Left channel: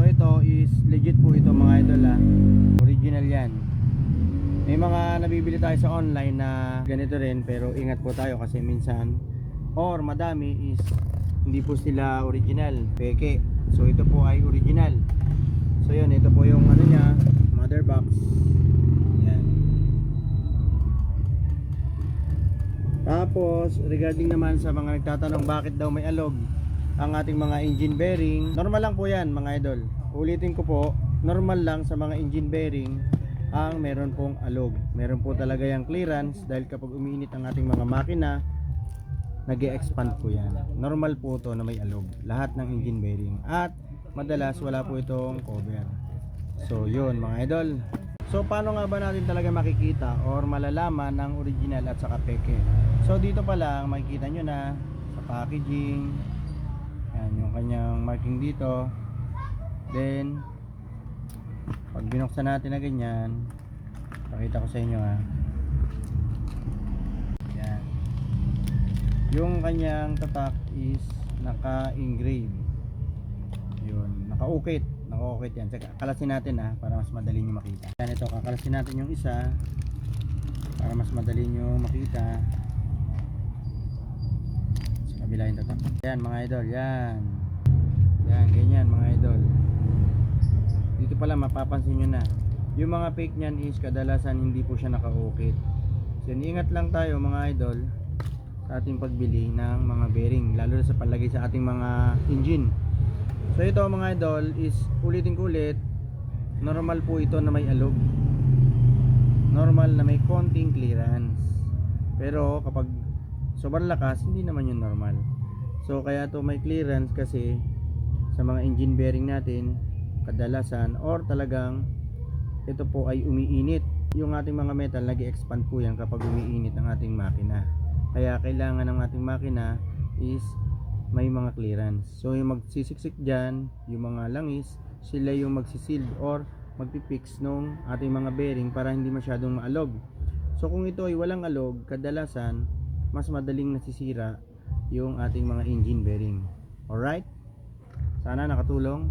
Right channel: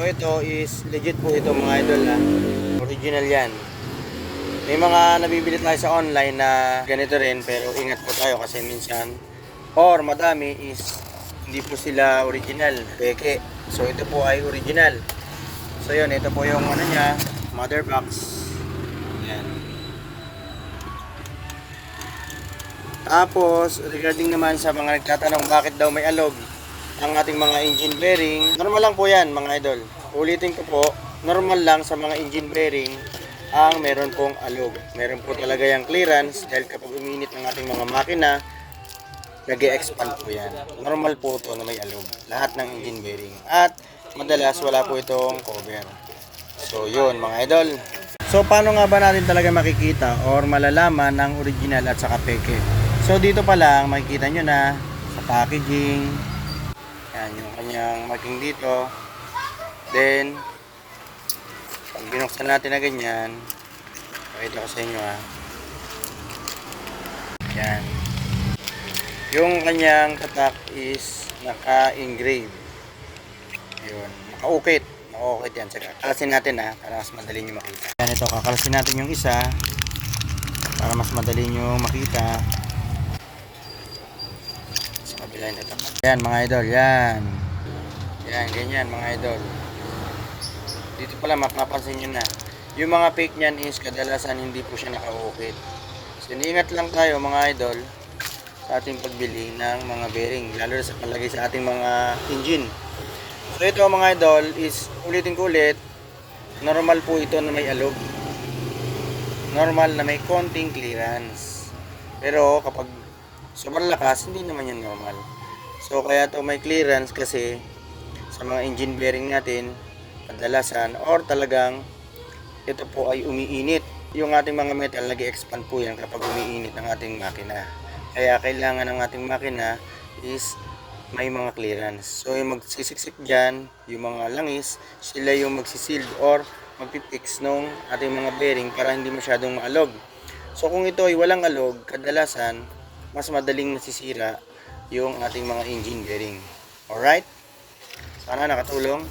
So ito is legit po ito mga idol ha. Original yan. May mga nabibili tayo sa online na ganito rin, pero ingat po tayo kasi minsan or madami is hindi po sila original, peke. So ito po ay original. So yun, ito po yung ano niya, mother box. Yan. Tapos regarding naman sa mga nagtatanong bakit daw may alog ang ating mga engine bearing, normal lang po yan mga idol. Ulitin ko po, normal lang sa mga engine bearing ang meron pong alog. Meron po talaga yung clearance dahil kapag uminit ang ating mga makina, nag-e-expand po yan. Normal po ito na may alog. Lahat ng engine bearing. At madalas wala po itong cover. So yun mga idol. So paano nga ba natin talaga makikita or malalaman ang original at saka peke? So dito pa lang makikita nyo na sa packaging. Yan yung kanyang marking dito. Then pag binuksan natin na ganyan, pakita ko sa inyo ha. Yan. Yung kanyang tatak is naka-engrave. Yun, naka-ukit. Naka-ukit yan. So, kakalasin natin ha, para mas madali nyo makita. Yan ito, kakalasin natin yung isa para mas madali nyo makita. Sa kabila yung tatak. Yan mga idol, yan. Yan, ganyan mga idol. Dito pala mapapansin nyo na yung mga fake nyan is kadalasan hindi po siya naka-ukit. So iniingat lang tayo mga idol sa ating pagbili ng mga bearing, lalo na sa palagay sa ating mga engine. So ito mga idol is ulitin ko ulit, normal po ito na may alog, normal na may konting clearance, pero kapag sobrang lakas hindi naman yan normal. So kaya to may clearance kasi sa mga engine bearing natin kadalasan or talagang ito po ay umiinit. Yung ating mga metal nag-expand po yan kapag umiinit ng ating makina. Kaya kailangan ng ating makina is may mga clearance. So yung magsisiksik dyan, yung mga langis, sila yung magsisild or magpipix nung ating mga bearing para hindi masyadong maalog. So kung ito ay walang alog, kadalasan mas madaling nasisira yung ating mga engine bearing. Alright? Sana nakatulong.